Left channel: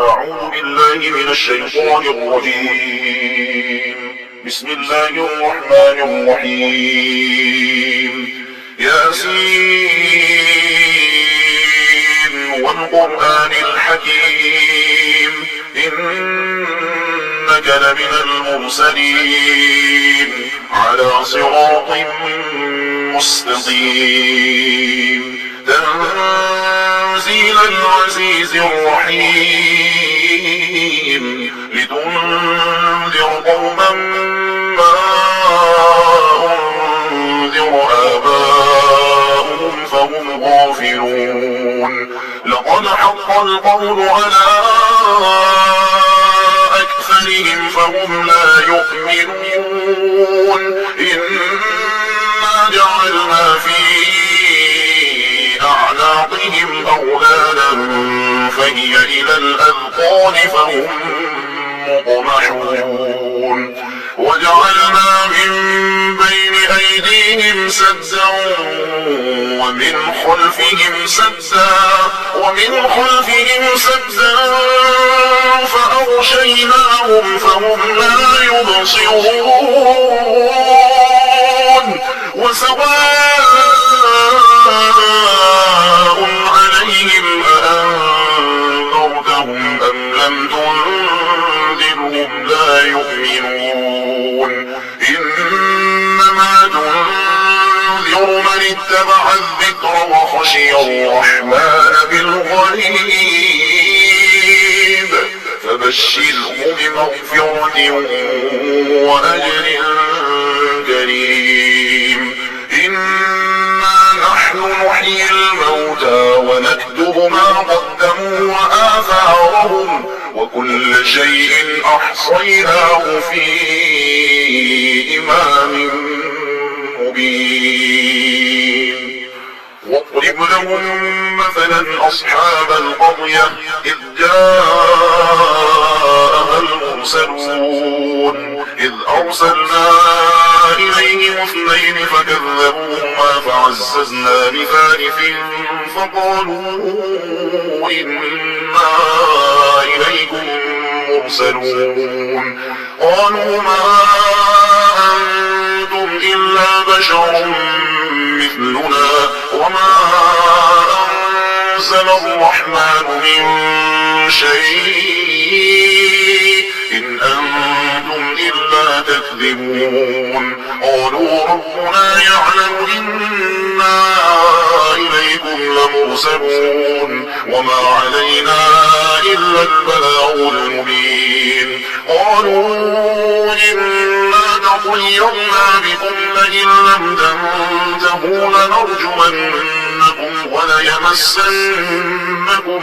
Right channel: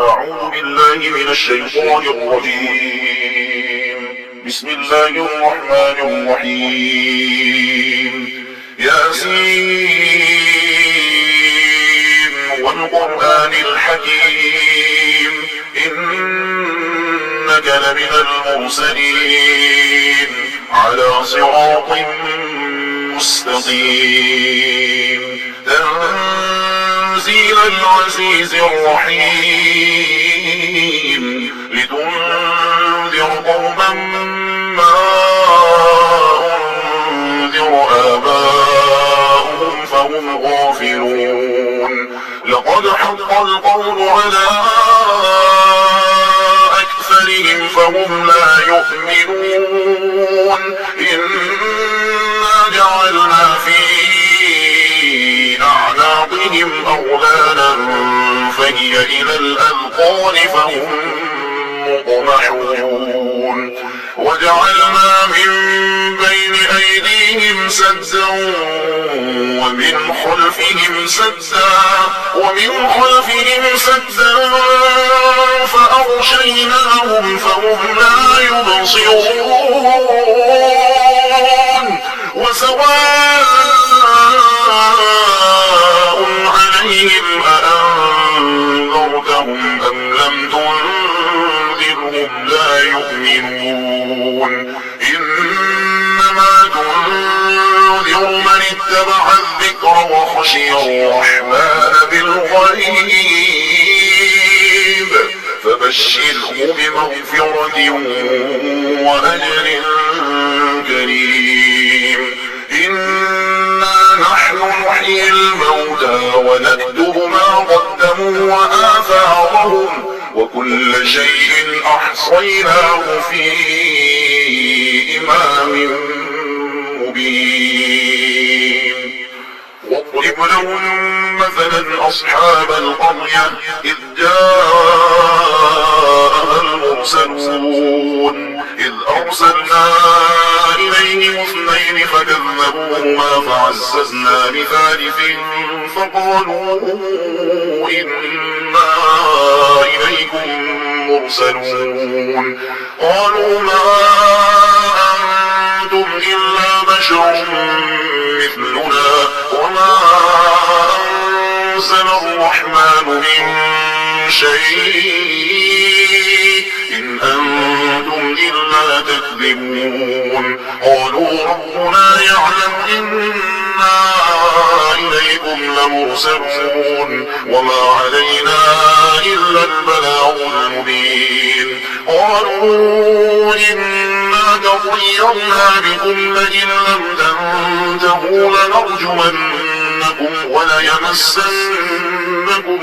أعوذ بالله من الشيطان الرجيم. بسم الله الرحمن الرحيم. ياسين والقرآن الحكيم إنك لمن المرسلين على صراط مستقيم تنزيل العزيز الرحيم لتنذر قوما ما أنذر آباؤهم فهم غافلون. لقد حق القول على أكثرهم فهم لا يؤمنون. إنا جعلنا في أعناقهم أغلالا فهي إلى الأذقان فهم مقمحون. وجعلنا من بين أيديهم سدا ومن خلفهم سدا فأغشيناهم فهم لا يبصرون. وسواء عليهم أأنذرتهم أم لم تنذرهم لا يؤمنون. إنما تنذر من اتبع الذكر وخشي الرحمن بالغيب فبشره بمغفرة وأجر كريم. إنا نحن نحيي الموتى ونكتب ما قدموا وآثارهم وكل شيء أحصيناه في إمام مبين. واضرب لهم مثلا أصحاب القرية إذ جاءها المرسلون إذ أرسلنا إليهم اثنين فكذبوهما فعززنا بثالث فقالوا إنا إليكم مرسلون. قالوا ما أنتم إلا بشر مثلنا وما أنزل الرحمن من شيء إن أنتم إلا تكذبون. قالوا ربنا يعلم إنا إليكم لمرسلون وما علينا إلا البلاغ المبين. قالوا إنا تطيرنا بكم لئن لم تنتهوا لنرجمنكم وليمسنكم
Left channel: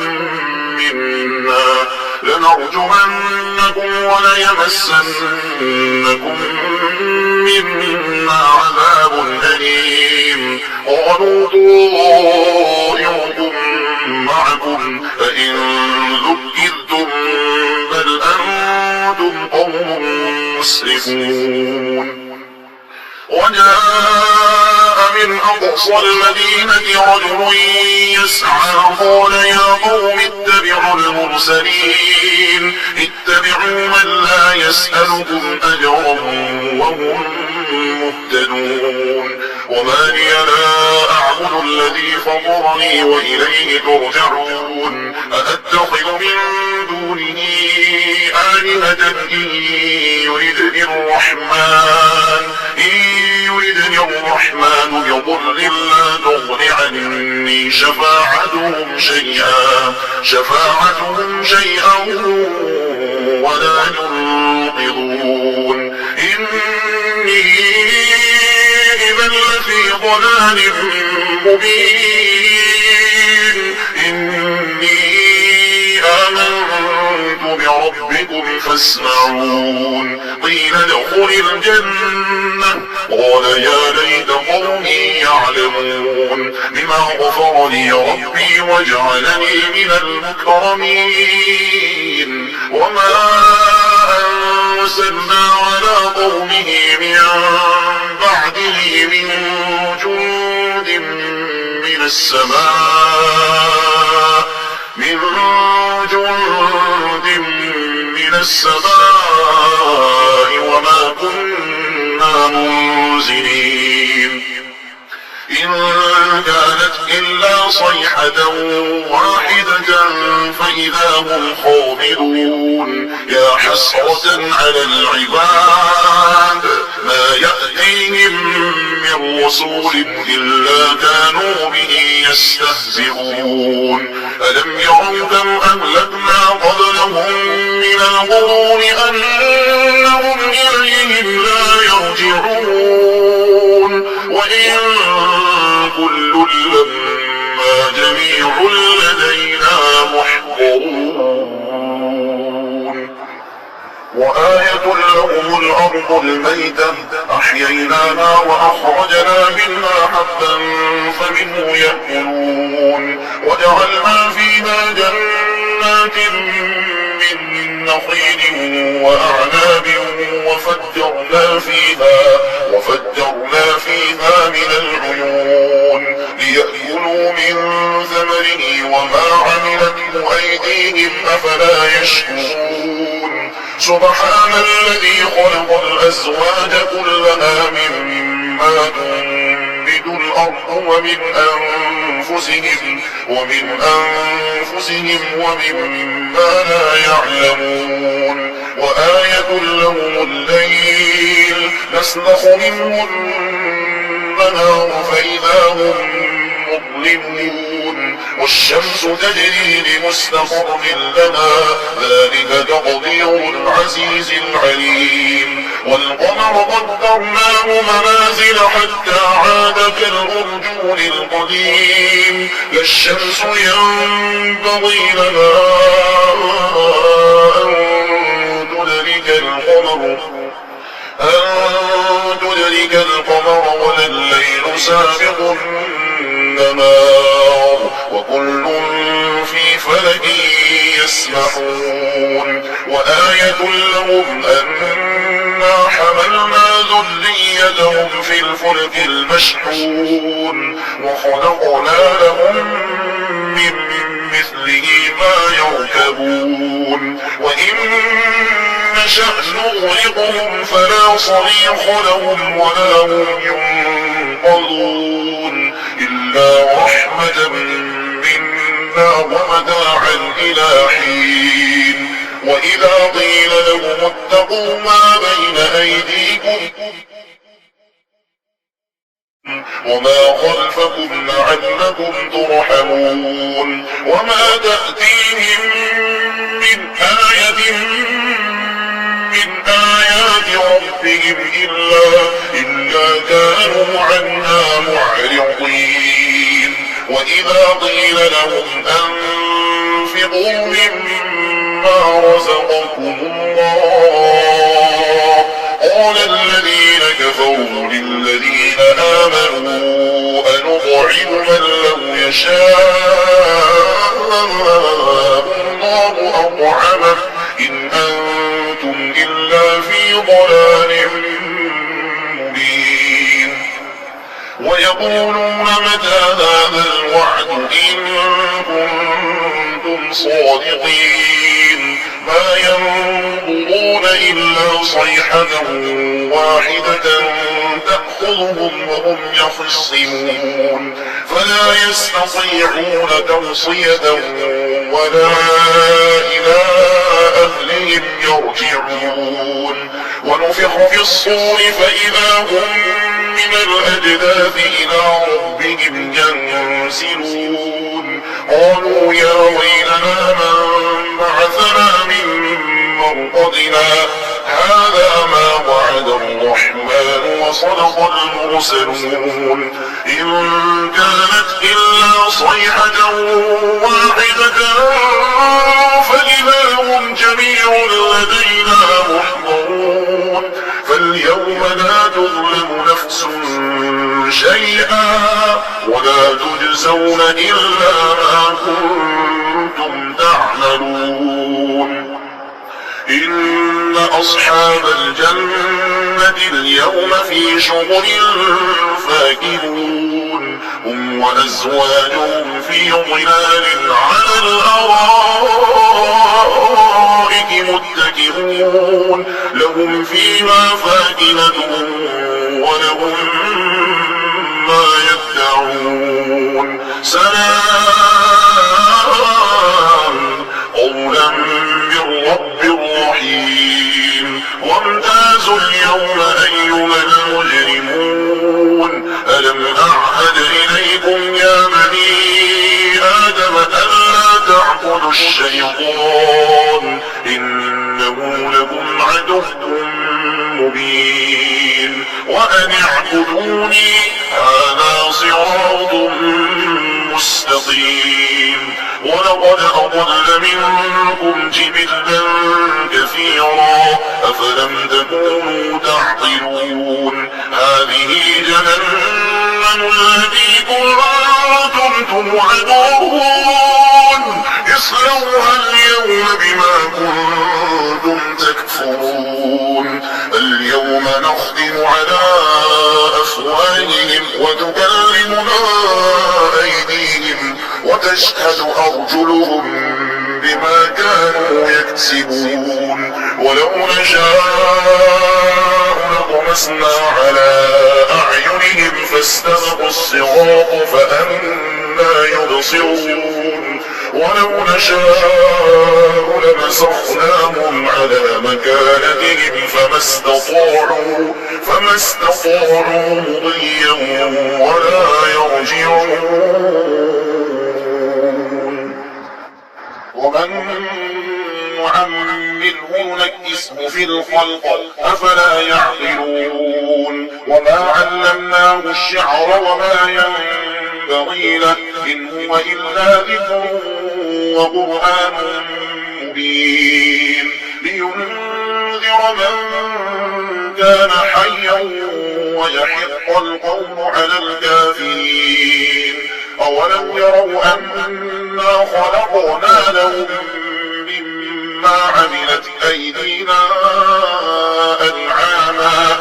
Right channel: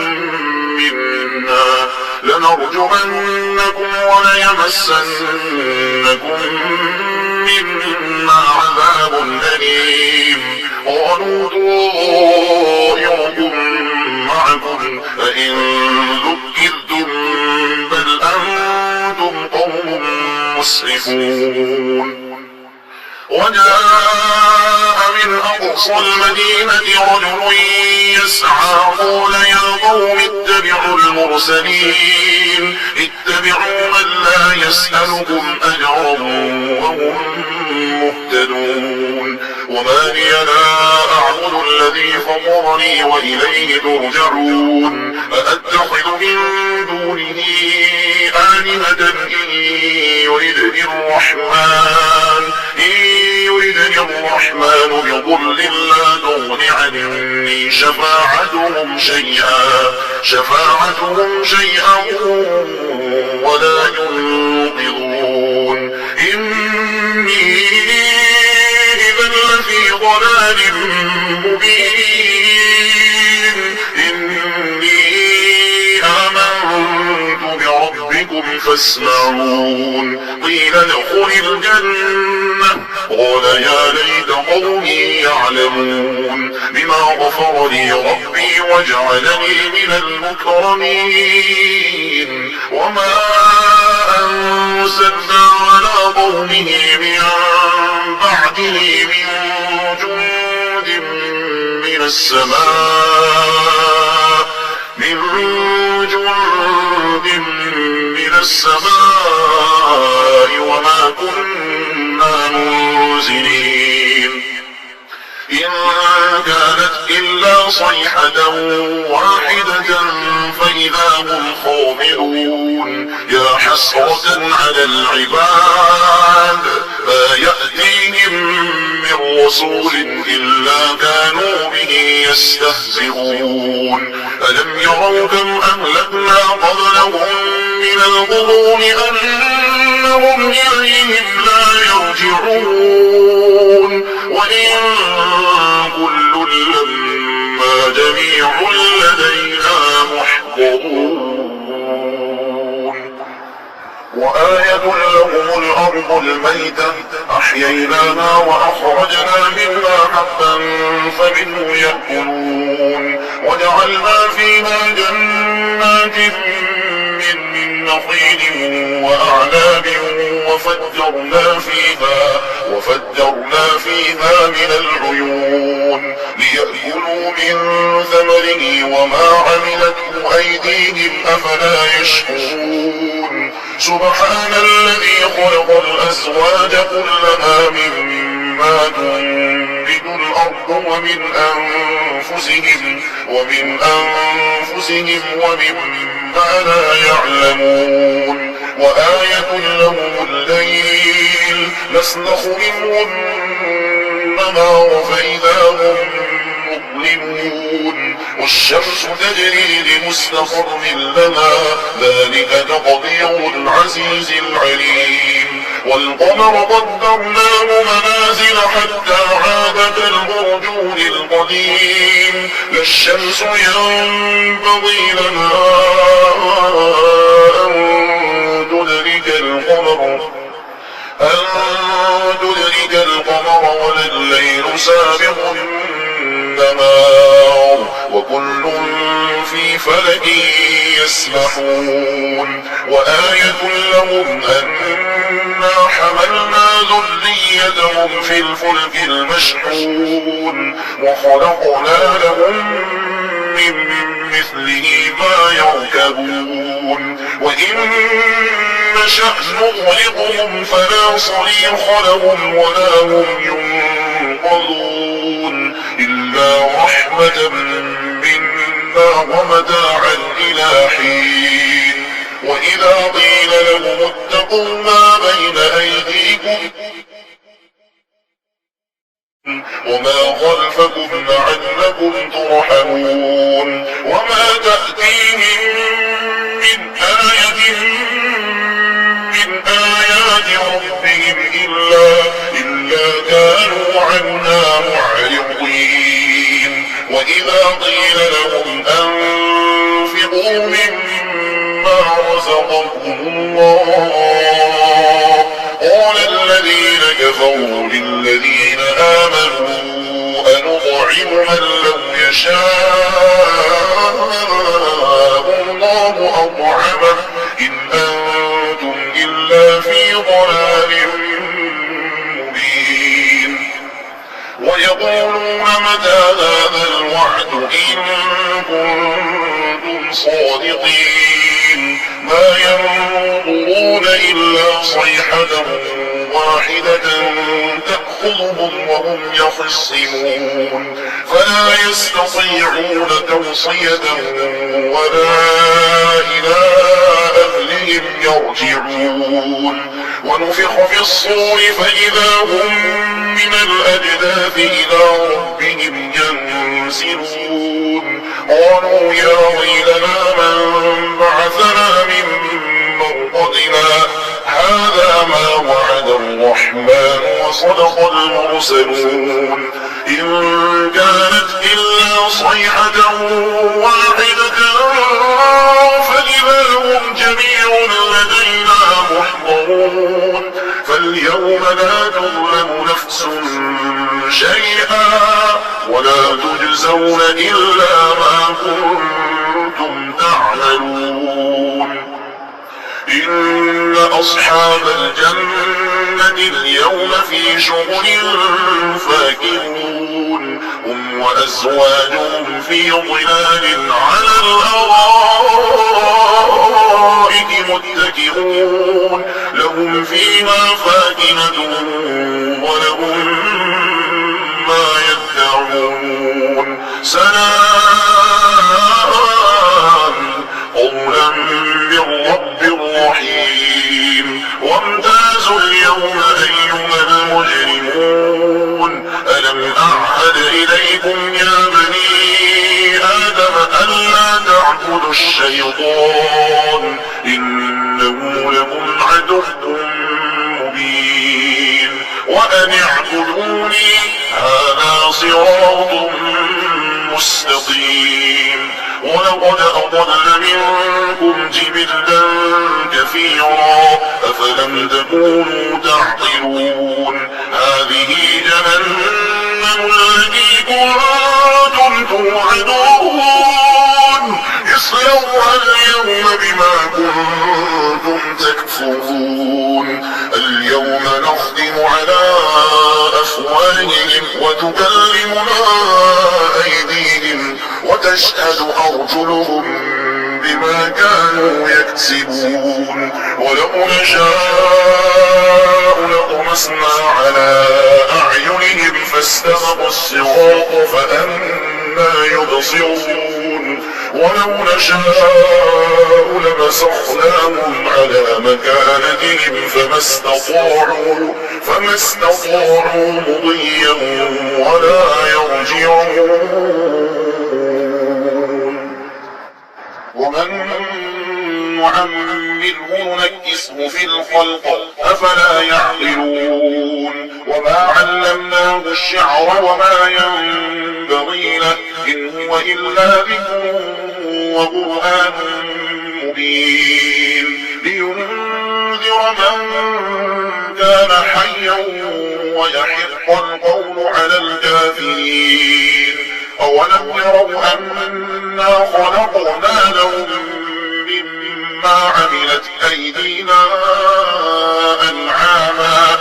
منا عذاب أليم. قالوا طائركم معكم فإن ذكرتم بل أنتم قوم مسرفون. وجاء من أقصى المدينة رجل يسعى قال يا قوم اتبعوا المرسلين اتبعوا من لا يسألكم أجرا وهم مهتدون. وما لي لا أعبد الذي فطرني وإليه ترجعون. أأتخذ من دونه آلهة إن يردني الرحمن بضر لا تغن عني شفاعتهم شيئا ولا ينقذون. إني إذا لفي ضلال مبين. إني آمنت بربكم فاسمعون. قيل ادخل الجنة قال يا ليت قومي يعلمون بما غفر لي ربي وجعلني من المكرمين. وما أنزلنا على قومه من بعده من جند من السماء منزلين إن كانت إلا صيحة واحدة فإذا هم خامدون يا حسرة على العباد ما يأتيهم من رسول إلا كانوا به يستهزئون ألم يروا كم أهلكنا قبلهم من القرون أنهم إليهم لا يرجعون وإن كل لما جميع لدينا محضرون وآية لهم الأرض الميتة أحييناها وأخرجنا منها حبا فمنه يأكلون وجعلنا فيها جنات من نخيل وأعناب وفجرنا فيها من العيون ليأكلوا من ثمره وما عملته أيديهم أفلا يشكرون سبحان الذي خلق الأزواج كلها مما تنبت الأرض ومن أنفسهم ومما لا يعلمون وآية لهم الليل نسلخ منه النهار فإذا هم مظلمون والشمس تجري لمستقر لها ذلك تقدير العزيز العليم والقمر قدرناه منازل حتى عاد كالأرجون القديم لا الشمس ينبغي لها أن تدرك القمر ولا الليل سابق النهار وكل في فلك يسبحون وآية لهم أنا حملنا ذريتهم في الفلك المشحون وخلقنا لهم من مثله ما يركبون وإن نشأ نغرقهم فلا صريخ لهم ولا هم ينقذون إلا رحمة منا ومتاعا إلى حين وإذا قيل لهم اتقوا ما بين أيديكم وما خلفكم لعلكم ترحمون وما تأتيهم من آية من آيات ربهم إلا كانوا عنها معرضين وإذا قيل لهم أنفقوا مما رزقكم الله قال الذين كفروا للذين آمنوا أنطعم من لو يشاء الله أطعمه إن أنتم إلا في ضلال مبين ويقولون متى هذا الوعد إن كنتم صادقين ما ينظرون إلا صيحة واحدة تأخذهم وهم يخصمون فلا يستطيعون توصية ولا إلى أهلهم يرجعون ونفخ في الصور فإذا هم من الأجداث إلى ربهم ينسلون قالوا يا ويلنا من بعثنا من مرقدنا هذا ما وعد الرحمن وصدق المرسلون إن كانت إلا صيحة واحدة فإذا هم جميع لدينا محضرون فاليوم لا تظلم نفس شيئا ولا تجزون إلا ما كنتم تعملون إن أصحاب الجنة اليوم في شغل فاكهون هم وأزواجهم في ظلال على الأرائك متكئون لهم فيها فاكهة نزلا من رب رحيم وامتازوا اليوم أيها المجرمون ألم أعهد إليكم يا بني آدم ألا تعبدوا الشيطان إنه لكم عدو مبين وأن اعبدوني هذا صراط مستقيم ولقد أضل منكم جبلا كثيرا أفلم تكونوا تعقلون هذه جهنم التي كنتم توعدون اصلوها اليوم بما كنتم تكفرون اليوم نختم على أفواههم وتكلمنا أيديهم وتشهد أرجلهم بما كانوا يكسبون ولو نشاء لطمسنا على أعينهم فاستبقوا الصراط فأنى يبصرون ولو نشاء لمسخناهم على مكانتهم فما استطاعوا مضيا ولا يرجعون ومن نعمره نكسه في الخلق أفلا يعقلون وما علمناه الشعر وما ينبغي له إن هو إلا ذكر وقرآن مبين لينذر من كان حيا ويحق القول على الكافرين أولم يروا أنا خلقنا لهم مما عملت أيدينا أنعاما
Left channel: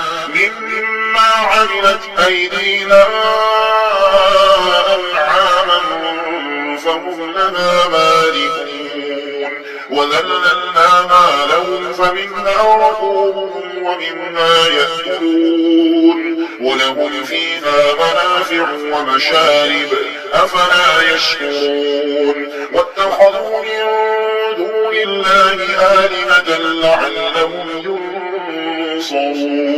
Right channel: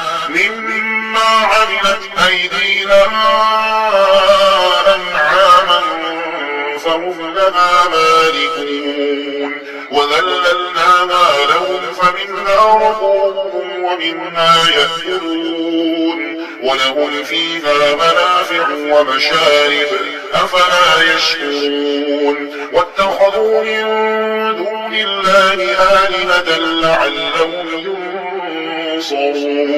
فهم لها مالكون وذللناها لهم فمنها ركوبهم ومنها يأكلون ولهم فيها منافع ومشارب أفلا يشكرون واتخذوا من دون الله آلهة لعلهم ينصرون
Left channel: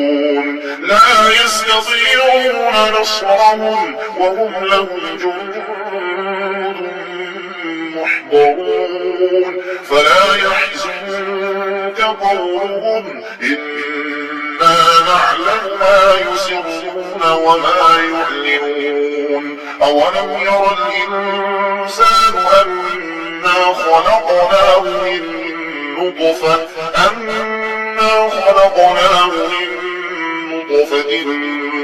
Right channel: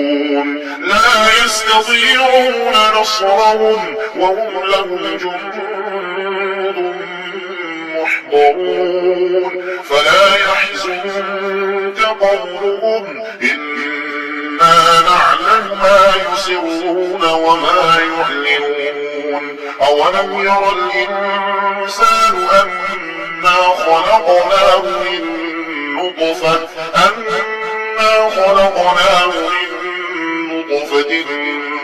لا يستطيعون نصرهم وهم لهم جند محضرون فلا يحزنك قولهم إنا نعلم ما يسرون وما يعلنون أولم ير الإنسان أنا خلقناه من نطفة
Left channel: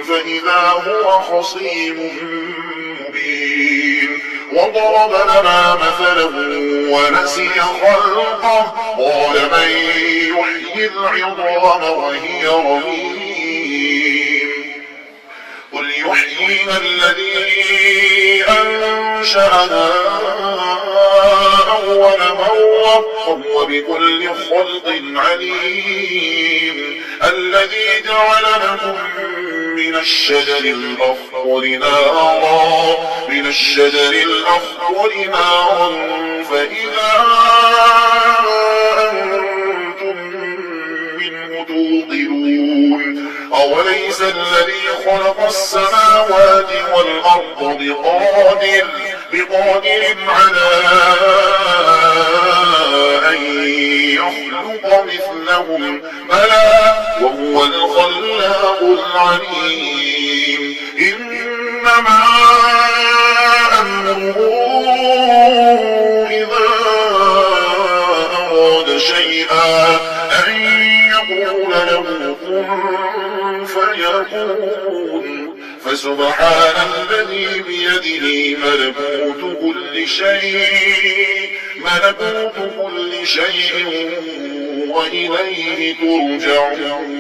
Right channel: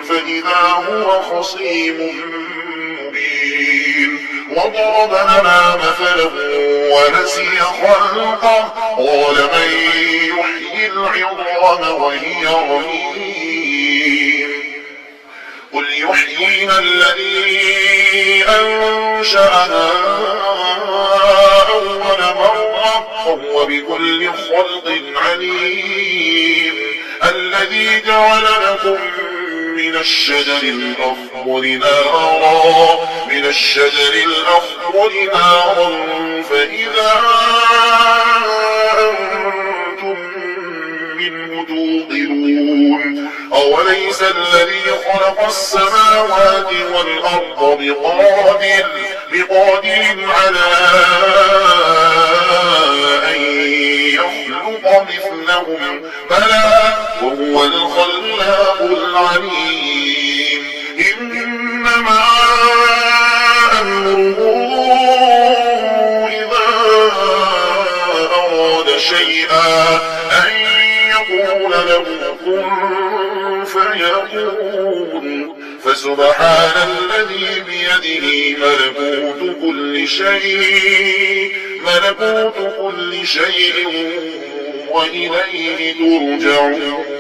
فإذا هو خصيم مبين وضرب لنا مثلا ونسي خلقه قال من يحيي العظام وهي رميم قل يحييها الذي أنشأها أول مرة وهو بكل خلق عليم الذي جعل لكم من الشجر الأخضر نارا فإذا أنتم منه توقدون أوليس الذي خلق السماوات والأرض بقادر على أن يخلق مثلهم بلى وهو الخلاق العليم إنما أمره إذا أراد شيئا أن يقول له كن فيكون فسبحان الذي بيده ملكوت كل شيء وإليه ترجعون